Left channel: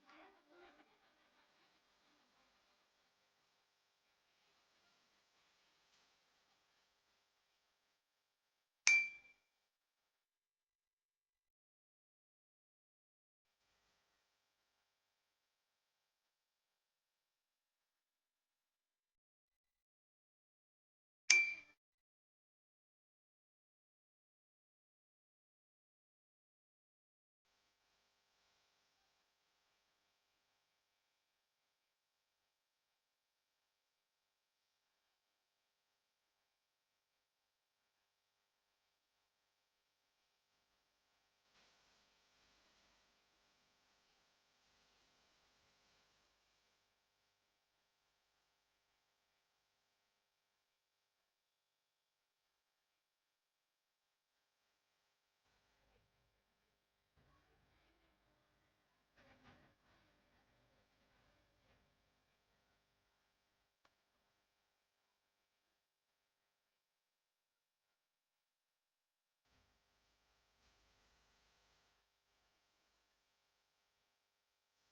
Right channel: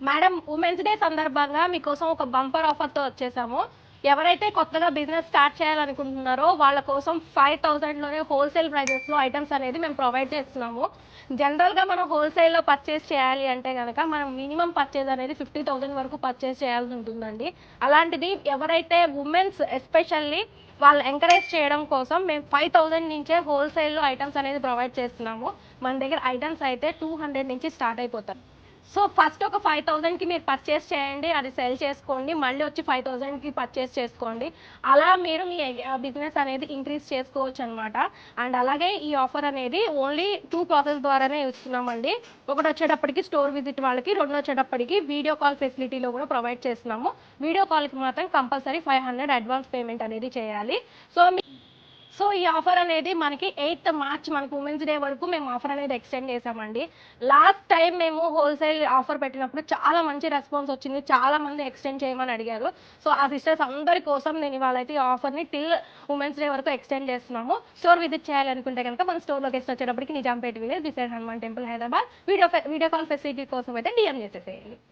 Madam women's day సందర్భంగా మీకోసం ఒక బంపర్ ఆఫర్తో వచ్చేసాము. ఎవరైతే కొత్తగా బిజినెస్ స్టార్ట్ చేయాలనుకుంటున్నారో వాళ్ళ కోసం 5000లోనే హోల్సేల్ ప్రైజెస్లో ఐటమ్స్ అనేది మేము ప్రొవైడ్ చేస్తున్నాము. జనరల్గా మనం హోల్సేల్లో పర్చేస్ చేయాలి అంటే కనుక మనం మినిమం పర్చేజ్ అనేది 50,000 వరకు పర్చేస్ చేయాల్సి ఉంటుందండి. అలాంటిది ఎవరైతే ఉమెన్స్ ఎస్పెషల్లీ వాళ్ళు ఎంకరేజ్ చేయడం కోసం మేము 5000 నుంచే హోల్సేల్లో ఐటమ్స్ అనేది ప్రొవైడ్ చేస్తున్నాము. మన దగ్గర ఐటమ్స్ అయితే 200 నుంచి స్టార్ట్ అయిపోతాయి. సో ఫస్ట్ ఒక 5000కి మీరు పర్చేస్ చేయండి, అది సెల్ చేసుకోండి, మళ్ళీ వచ్చి 5000కి పర్చేస్ చేసుకోండి. అలా మీరు మీ బిజినెస్ అనేది ఇంక్రీజ్ చేసుకోవచ్చు అనమాట. అండ్ అలాగే ఈ ఆఫర్ అనేది ఓన్లీ 2 ప్రాసెస్ ద్వారానే ఇస్తున్నామండి. ఒకటి వచ్చేటప్పటికి స్టోర్ విజిట్ వాళ్ళకి, రెండు వచ్చేటప్పటికి వీడియో కాల్ ఫెసిలిటీలో కూడా ప్రొవైడ్ చేస్తున్నాము. వీడియో కాల్కి మాత్రం కంపల్సరీ 500 అడ్వాన్స్ పేమెంట్ అనేది చేయాలి. సో ఈ ఆఫర్ అనేది మనకి 8th మార్చ్ మనకు ఉమెన్స్ డే వరకు మేము ఆఫర్ అనేది ఎక్స్టెండ్ చేసామండి. లాస్ట్ టైం మేము హోల్సేల్ ఆఫర్ పెట్టినప్పుడు చాలా మంచి రెస్పాన్స్ వచ్చింది. చాలా మంది ఎక్స్టెండ్ చేయమని అడిగారు. సో ఆ సిస్టర్స్ అందరి కోసం నేను ఇవాళ అయితే ఈ ఆఫర్ని టిల్ ఉమెన్స్ డే వరకు ఎక్స్టెండ్ చేస్తున్నాము. స్టోర్ విజిట్ చేయాలనుకుంటే కనుక మన స్టోర్ లొకేషన్ వచ్చేటప్పటికి Nizampet village beside Hanuman temple Hyderabad. Video call facility కోసం అయితే డిఎం చేసేసేయండి.